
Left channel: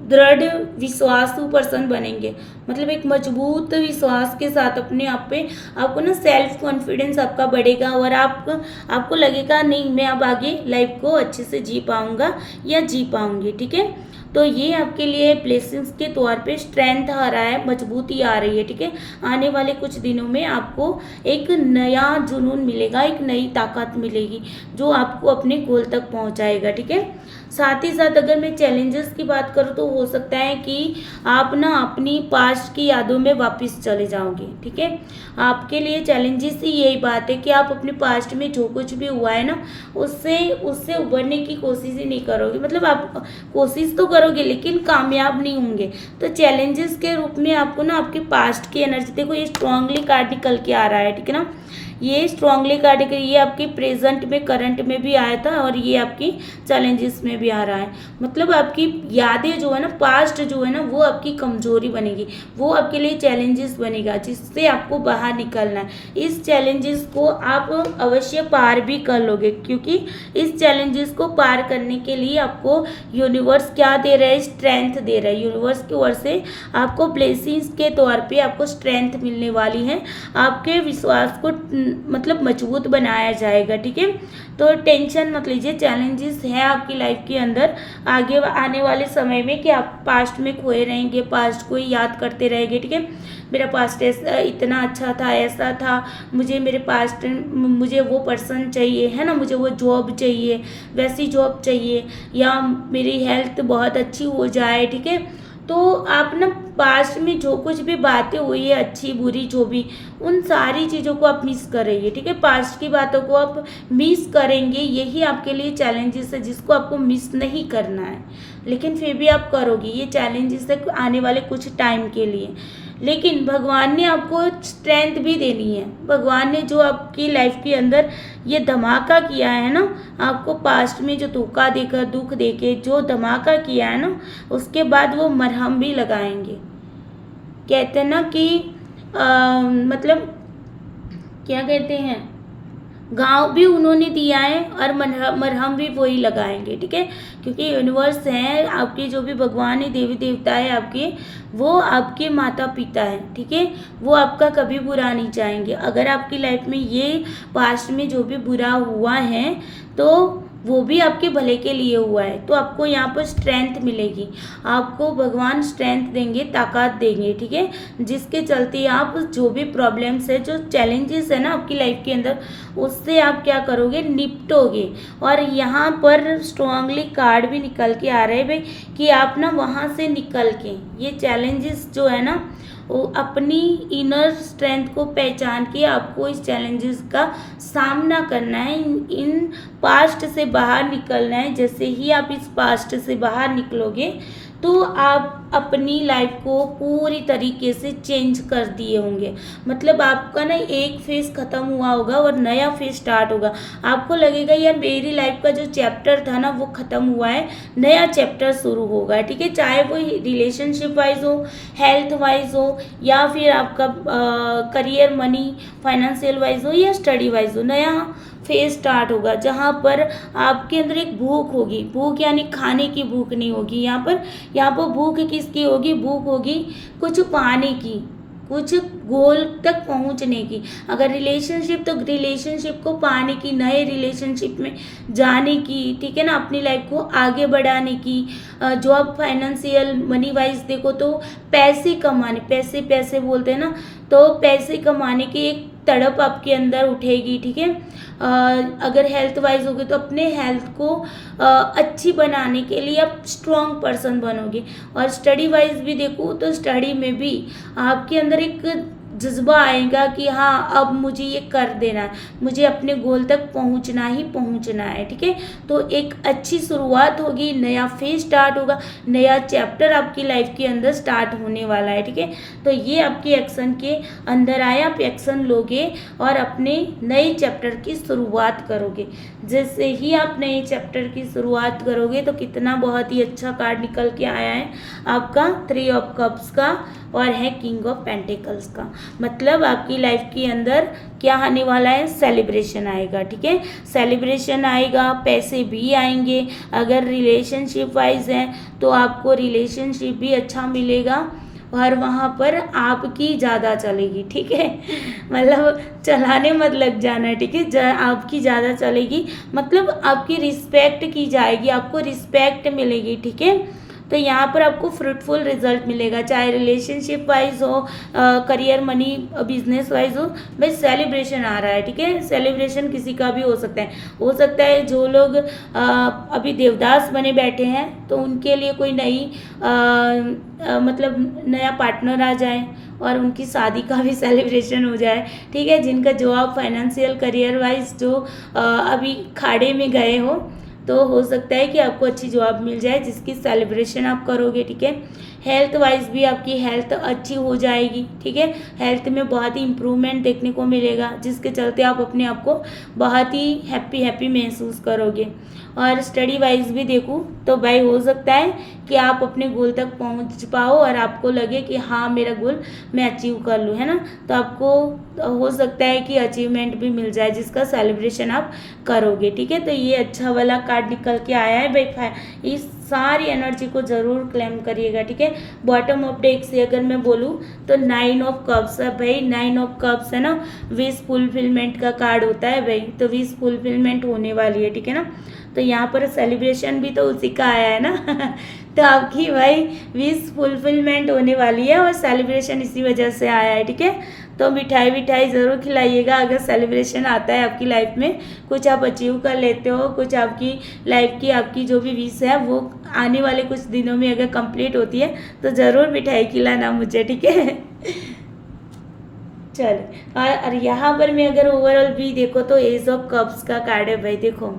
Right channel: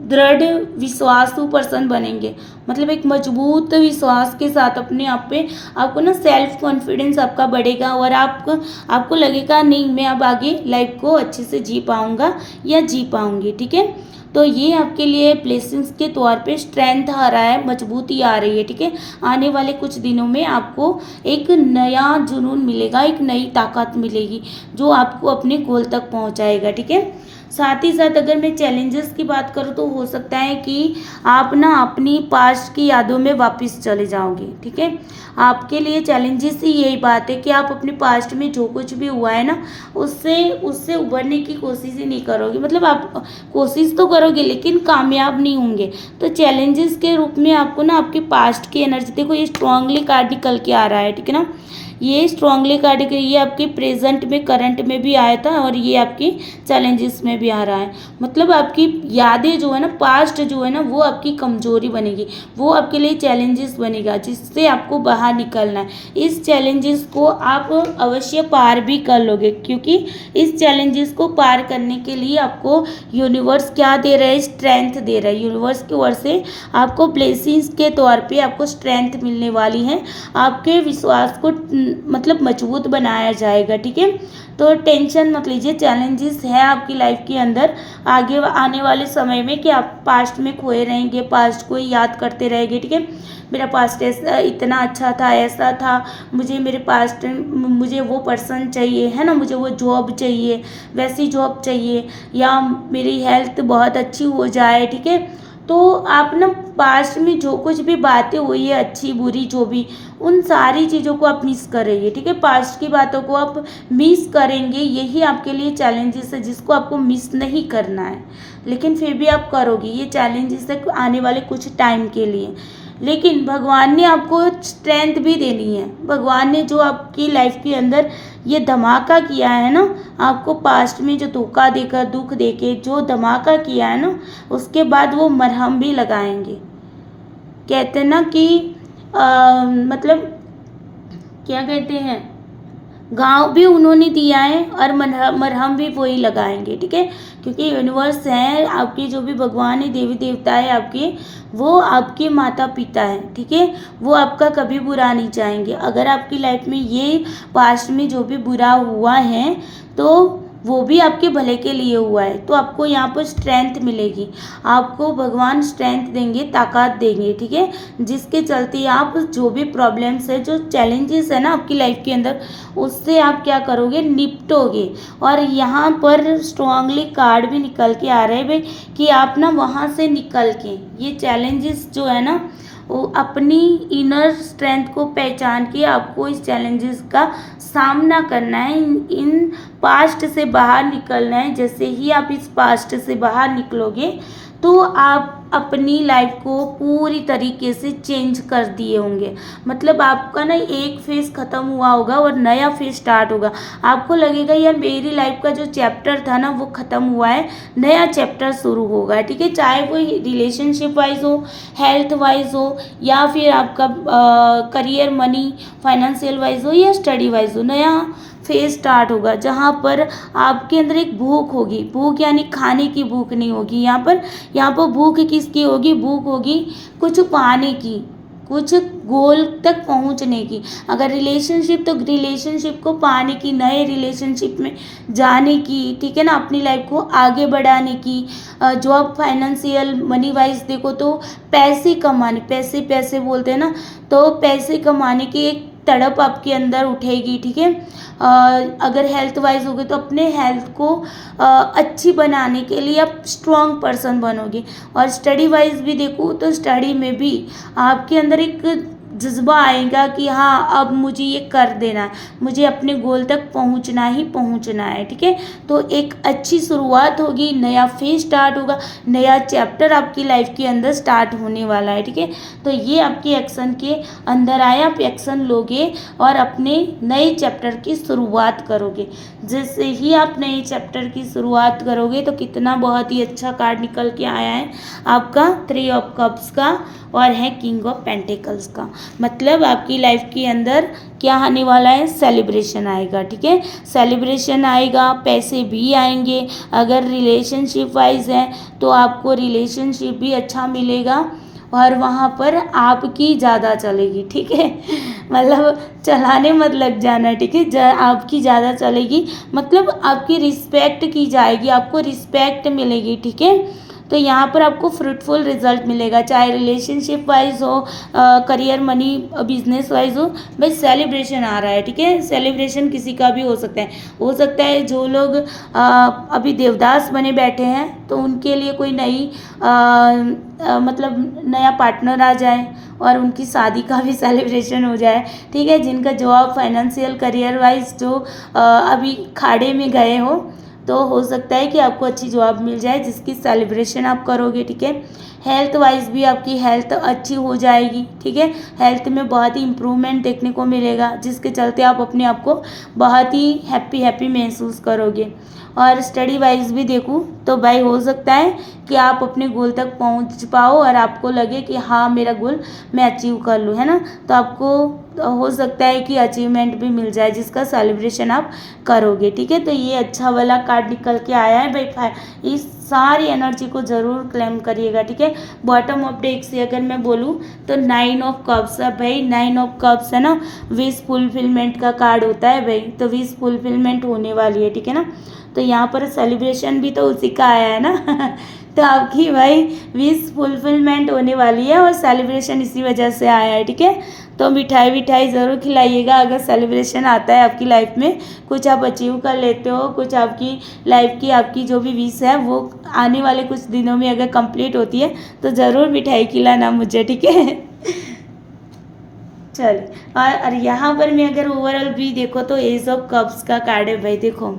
दृढ़ विश्वासु पर्सन बनेंगे, मतलब एक मजबूत विश्वास के साथ अपने आप पे आपको ना सेल्फ कॉन्फिडेंस आपका बढ़ेगा और आपको लगेगा नहीं मैं अब आगे लाइफ को अच्छे से जी पाऊंगा या जी पाऊंगी, ठीक है। तो ये आपके लिए ब्लेसिंग्स के तौर पे स्ट्रेंथ आ रहा है, मजबूती आ रही है, ठीक है। आने वाले कुछ दिनों में आपको एक नया जुनून मिलेगा, एक नई ताकत मिलेगी जो आपको अपने गोल तक पहुंचाएगा, ठीक है। साथ ही साथ अगर मैं चैलेंजेस की बात करूँ तो हो सकता है कि आप ना अपनी पास्ट की यादों में वापस चले जाओगे, ठीक है। आपके लिए चैलेंजेस ही यही बात है कि आप अपने पास्ट में जो कुछ भी हुआ है ना उससे उभरने की कोशिश ही नहीं करोगे, मतलब आप कोशिश तो करोगे लेकिन कामयाब नहीं होंगे। तो चैलेंजेस के रूप में आपको ना आपके पास्ट की एनर्जी, देखो ये स्ट्रांगली कार्ड निकल के आ रहा है, ठीक है ना। ये स्ट्रांगली कार्ड के ये आपके प्रेजेंट में करंट में भी आया था और ये आपकी चैलेंजेस में भी आ रहा है। मतलब आपकी यादें जो है ना, पास्ट जो है ना, वो आपकी कमजोरी बनेगी, वो आपके लिए चैलेंजेस बनेगा जिससे आपको बाहर निकलना है। इस चैलेंजेस को आप अवश्य पार भी कर लोगे, क्योंकि इस चैलेंजेस को पार करने के लिए आपको यूनिवर्स क्या दे रहा है, स्ट्रेंथ दे रहा है। यूनिवर्स की ओर से आपको ब्लेसिंग्स के तौर पे आपको स्ट्रेंथ मिलने वाली है, आपके विश्वास को मतलब मजबूत बनाया जाएगा। ठीक है, तो टेंशन मत लीजिए, चैलेंजेस है आपकी लाइफ के अंदर आगे आने वाले समय में कि आप पास्ट में खोए रहेंगे, पास्ट को ही याद करते रहेंगे। ठीक है, मेरा पास्ट ऐसा इतना अच्छा था, ऐसा था, मुझे मेरे पास्ट मुझे वो पर्सन चाहिए, है ना, मुझे वो जॉब चाहिए, वैसी जॉब चाहिए, या मेरी हेल्थ बहुत अच्छी हो जाए। ठीक है, तो आप ना पास्ट में जो कुछ भी बातें हुई है, अच्छी बुरी जो भी, उन सारी चीज़ों को आप मिस करेंगे। ठीक है, पास्ट की बातों को आप मिस करेंगे, यही आपके लिए चैलेंजेस है जिसको आपको मिस नहीं करना है, लेकिन फिर भी आप करोगे। ये चैलेंजेस है आने वाले कुछ टाइम के लिए, लेकिन भगवान ने आपको स्ट्रेंथ भी देनी है। भगवान ने जो आपकी लाइफ के अंदर ये धमाका किया है ना, आपको पास्ट में जो धोखा देकर, दुख देके जो धमाका किया है ना, उसके बाद वो मरहम भी लगाएंगे। कहते हैं ना कि मतलब क्या कहते हैं, गाँव भी उन्होंने दिया है और मरहम भी वही लगाएंगे। ठीक है, क्योंकि यूनिवर्स है आपके, जो भी भगवान है, देवी देवता है आपके, वो आपके माता पिता है। ठीक है, वो आपका कभी बुरा नहीं चाहेंगे। अगर आपकी लाइफ में ये पास्ट में जो भी बुरा हुआ है तो वो भी आपके भले के लिए हुआ है, तो आपको यहाँ पर स्ट्रेंथ मिलेगी, आपको भगवान स्ट्रेंथ देंगे, ताकत देंगे। ठीक है, जिसके चलते आप जो भी प्रॉब्लम्स है, जो चैलेंजेस है ना आपकी लाइफ के अंदर, उससे आप क्या करोगे, निपटोगे। और यहाँ पर स्ट्रांगली कार्ड भी निकल के आ रहे हैं भाई कि आप ना वहाँ से निकल के, ये चैलेंजेस जो है ना, वो अपनी इनर स्ट्रेंथ को पहचान के आपको इस चैलेंजेस का सामना करना है, इन पास्ट से बाहर निकलना है। जैसे ही आप इस पास्ट से बाहर निकलोगे तो आप अपनी लाइफ को पूरी तरीके से चेंज कर दिए होंगे। मतलब आपका ना एक फेज ख़त्म हुआ होगा और नया फेज स्टार्ट होगा। आपको लगेगा यार मेरी लाइफ का जो चैप्टर था ना वो ख़त्म हुआ है, नया चैप्टर शुरू होगा। ठीक है, चाहे वो रिलेशनशिप वाइज हो, हेल्थ वाइज हो, या फिर आपका करियर, मनी, फाइनेंशियल वाइज हो, या स्टडी वाइज हो, नया फेज स्टार्ट होगा जहाँ पर आपके अंदर एक भूख होगी। भूख यानी खाने की भूख नहीं होगी, यहाँ पर भूख किसकी होगी, भूख होगी कुछ पाने की, कुछ गोल तक पहुंचने की। अगर रिलेशनशिप, तो रिलेशनशिप को पाने की, नए रिलेशनशिप में जाने की। ठीक है ना, अपनी लाइफ को आगे बढ़ाने की। जो आप फाइनेंशियल मनी वाइज देखो तो पैसे कमाने, पैसे पैसे बोलते हैं ना, तो पैसे कमाने की एक तड़प आपके अंदर उठेगी। ठीक है, अगर हेल्थ वाइज होगे तो अपने हेल्थ को अच्छी बनाने के लिए आप स्ट्रॉन्ग पर्सन बनोगे। और स्टडी वाइज भी देखो तो स्टडी में भी आपके अंदर एक जज्बा आएगा कि हाँ अब मुझे ये कर देना है, मुझे अपने गोल तक पहुंचना ही पहुंचना है। ठीक है, तो एक अच्छी शुरुआत होगी, नया फेज स्टार्ट होगा, नया चैप्टर आपकी लाइफ के अंदर स्टार्ट होने वाला है। ठीक है, तो ये आपके एक्शन के अंदर आया, आप एक्शन लोगे और अपने नए चैप्टर की शुरुआत करोगे। जैसे ही आप नए चैप्टर की शुरुआत करोगे तो कितना बहुत ही अच्छा कार्ड निकल के आया है आपका 3 ऑफ कप्स का और है किंग ऑफ पेंटिकल्स का। मतलब आपकी लाइफ के अंदर क्या आने वाला है, सेलिब्रेशन आएगा। ठीक है, सेलिब्रेशन आएगा, पैसे भी आएंगे। अगर रिलेशनशिप वाइज है तो आपको रिलेशनशिप भी अच्छा मिलेगा और वहाँ पर आपकी ज़्यादा चलेगी। ठीक है, मतलब चलाने मत लग जाना। ठीक है, आपकी ज़्यादा चलेगी, मतलब आपकी रिस्पेक्ट की जाएगी, आपको रिस्पेक्ट मिलेगी। ठीक है, तो यहाँ पर आपको फ्रूटफुल रिजल्ट मिलेगा, चाहे रिलेशनशिप वाइज हो, करियर, मनी, बिजनेस वाइज हो। भाई सेलिब्रेशन आ रहा है। ठीक है, सेलिब्रेशन किसी का भी हो सकता है जो लोग अभी देवदास बने बैठे हैं तो उनके लिए कोई नई मतलब नया पार्टनर आ जाए और उनकी शादी का भी सेलिब्रेशन हो जाए। ठीक है, जिनका जॉब, फाइनेंशियल, करियर वाइज जो अभी खाड़े में गए हो तो हो सकता है कि आपको अच्छी जॉब मिल जाए जिसकी सेलिब्रेशन आप करोगे। ठीक है, हेल्थ वाइज भी आपकी हेल्थ अच्छी हो जाएगी। ठीक है, हेल्थ में बहुत ही इम्प्रूवमेंट देखने को मिलेगा जिसके चलते आप अपने आप को बहुत ही हैप्पी महसूस करोगे। और स्टडी वाइज भी देखूँ तो भाई हो सकता है कि आप अपने गोल तक पहुंच पाओ और आपको लगे कि हाँ मेरा गोल मैं अचीव कर लूँ, है ना, तो आपको हो सकता है कि अचीवमेंट भी मिल जाए जिसका सेलिब्रेशन आप करोगे। ठीक है, तो ये अच्छा वाला कार्ड निकल के आया है भाई। इस सारी एनर्जी को ज़रूर क्लेम करिएगा, ठीक है। बॉटम ऑफ डेक से अगर मैं बोलूँ तो 9 ऑफ कप्स है भाई। 9 ऑफ कप्स है ना, विश फुलफिलमेंट का कार्ड होता है भाई, तो विश फुलफिलमेंट होने वाली है, ठीक है ना। तो यहाँ पर सेलिब्रेशन भी तो उसी का आया है ना तो आपकी भाई विश फुलफिलमेंट होने वाली है और सेलिब्रेशन इसी वजह से आया है, ठीक है। तो मिठाई विठाई ज़रूर खिलाइएगा अगर सेलिब्रेशन आता है आपकी लाइफ में, कुछ आप अचीव कर लेते हो, कुछ आपकी लाइफ की आपकी जो भी विश है वो आने वाले कुछ दिनों में अगर कंप्लीट होती है तो ज़रूर मिठाई खिलाना मुझे, ठीक है चलो। और यहाँ पर मैं अगर ओवरऑल भी देखो तो एज ऑफ कप्स का कार्ड है भाई। देखो,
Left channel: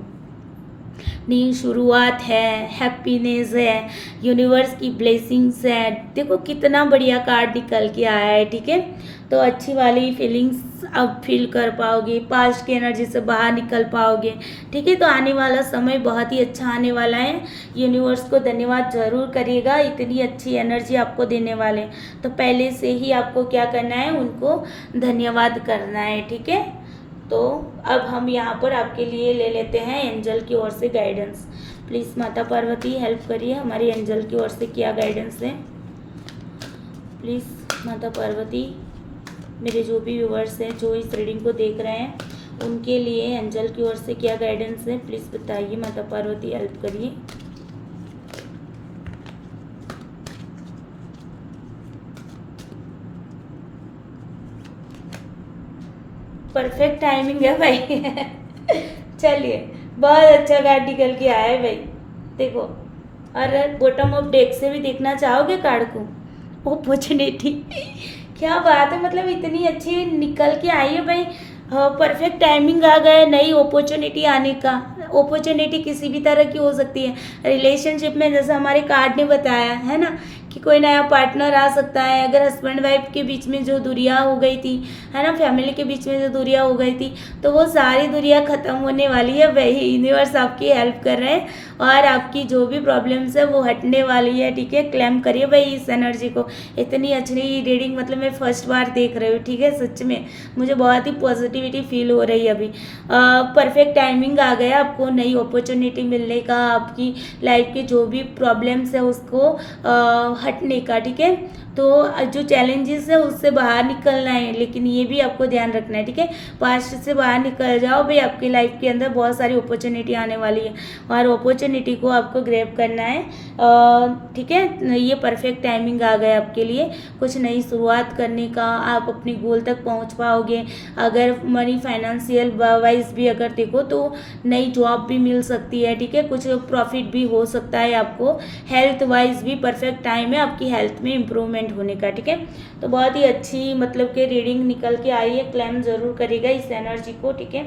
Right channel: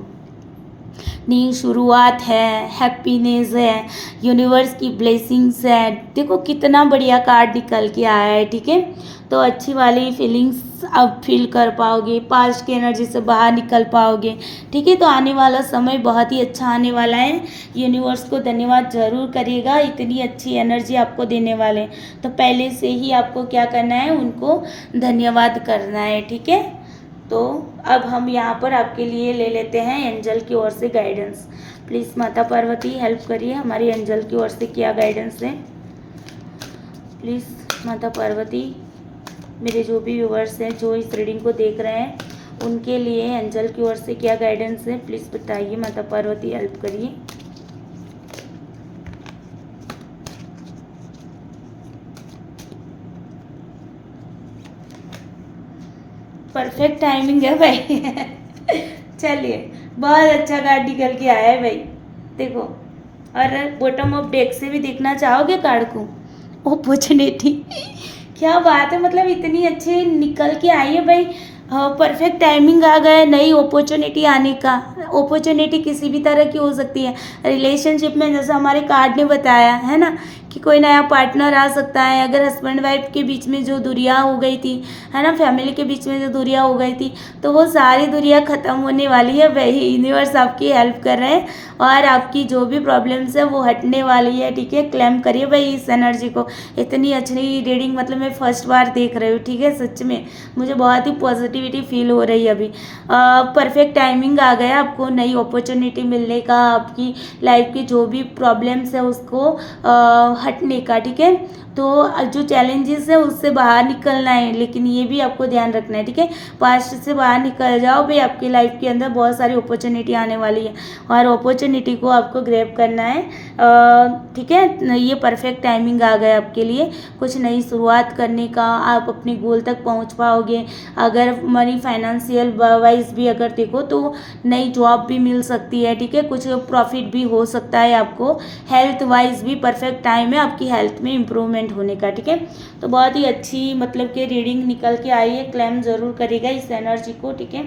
न्यू शुरुआत है, हैप्पीनेस है, यूनिवर्स की ब्लेसिंग्स है। देखो कितना बढ़िया कार्ड निकल के आया है, ठीक है। तो अच्छी वाली फीलिंग्स अब फील कर पाओगे, पास्ट की एनर्जी से बाहर निकल पाओगे, ठीक है। तो आने वाला समय बहुत ही अच्छा आने वाला है। यूनिवर्स को धन्यवाद ज़रूर करिएगा, इतनी अच्छी एनर्जी आपको देने वाले हैं। तो पहले से ही आपको क्या करना है, उनको धन्यवाद करना है, ठीक है। तो अब हम यहाँ पर आपके लिए ले लेते हैं एंजल की ओर से गाइडेंस। प्लीज़ माता पार्वती हेल्प करिए, हमारी एंजल की ओर से क्या गाइडेंस है। प्लीज़ माता पार्वती, मेरे जो भी व्यूवर्स हैं जो इस रीडिंग को देख रहे हैं उनके लिए एंजल की ओर से क्या गाइडेंस है, प्लीज़ बताइए माता पार्वती हेल्प करिए। परफेक्ट टाइमिंग है भाई चलिए, बहुत अच्छा कार्ड निकल के आया है भाई। देखो, और बॉटम ऑफ डेक से भी देखना चाहोगे कार्ड को, अपॉर्चुनिटी क्या बात है, मतलब इतनी अच्छी निकल के आई है भाई। परफेक्ट टाइमिंग आ गया है नई अपॉर्चुनिटी आने का। अपॉर्चुनिटी किसी भी तरह की हो सकती है रिलेशनशिप में, जैसा हमारे कार्ड ने बताया है ना कि कोई नया पार्टनर आ सकता है। अगर हस्बैंड वाइफ के बीच में जो दूरियां हो गई थी, है ना, फैमिली के बीच में जो दूरियां हो गई थी, तो वो सारी दूरियां ख़त्म होने वाली है। वही यूनिवर्स आपकी हेल्प कर रहे हैं और आपकी जो भी प्रॉब्लम्स है वो हटने वाली है, ठीक है। क्लेम करिए भाई इस एनर्जी को। इतनी अच्छी रीडिंग मतलब मैं फर्स्ट बार देख रही हूँ, ठीक है। सच में मुझे बहुत ही पॉजिटिविटी फील हो रही है अभी। परफेक्ट टाइमिंग आ गया आपको नई अपॉर्चुनिटी मिलने का, आपकी लाइफ के जो भी प्रॉब्लम्स है उसको हटने का, ठीक है। तो जो चैलेंजेस है उससे बाहर निकलना है, लेकिन ये भी आपको ध्यान रखना है, ठीक है। पास्ट से बाहर निकल जाओ भाई, आपकी लाइफ के अंदर बहुत सारी अपॉर्चुनिटी आने वाली है और अपॉर्चुनिटी को आपको ग्रैब करना है, ठीक है। ये परफेक्ट टाइमिंग आ गया आपके लिए कुछ नई शुरुआत करने का, आप अपने गोल तक पहुंच पाओगे। अगर मनी फाइनेंशियल वाइज भी अगर देखो तो नई जॉब भी मिल सकती है, ठीक है। कुछ प्रॉफिट भी हो सकता है आपको। हेल्थ वाइज भी परफेक्ट टाइम है आपकी हेल्थ में इम्प्रूवमेंट होने का, ठीक है। तो बहुत ही अच्छी मतलब कि रीडिंग निकल के आई है, क्लेम ज़रूर करेगा इस एनर्जी को, ठीक है।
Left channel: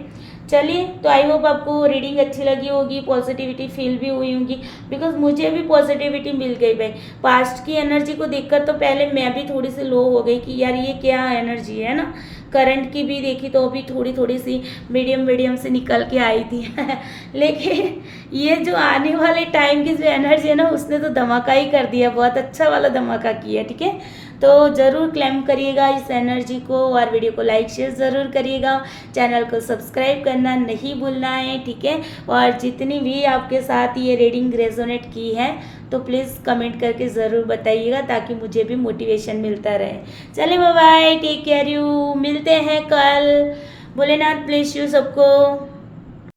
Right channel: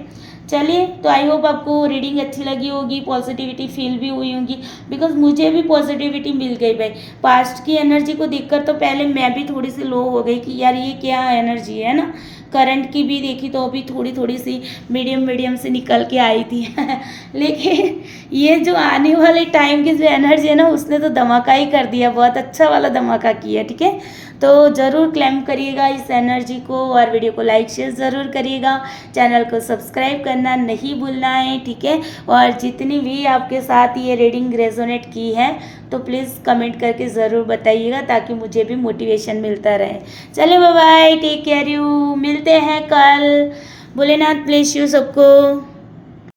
चलिए, तो आई होप आपको रीडिंग अच्छी लगी होगी, पॉजिटिविटी फील भी हुई होगी, बिकॉज मुझे भी पॉजिटिविटी मिल गई भाई। पास्ट की एनर्जी को देखकर तो पहले मैं भी थोड़ी सी लो हो गई कि यार ये क्या एनर्जी है ना। करंट की भी देखी तो अभी थोड़ी थोड़ी सी मीडियम से निकल के आई थी लेकिन ये जो आने वाले टाइम की जो एनर्जी है ना उसने तो धमाका ही कर दिया, बहुत अच्छा वाला धमाका किया, ठीक है। तो ज़रूर क्लेम करिएगा इस एनर्जी को और वीडियो को लाइक शेयर ज़रूर करिएगा, चैनल को सब्सक्राइब करना नहीं भूलना है, ठीक है। और जितनी भी आपके साथ ये रीडिंग रेजोनेट की है तो प्लीज़ कमेंट करके ज़रूर बताइएगा ताकि मुझे भी मोटिवेशन मिलता रहे। चलिए, bye bye, take care you, मिलते हैं कल। भोलेनाथ ब्लेस यू सबको।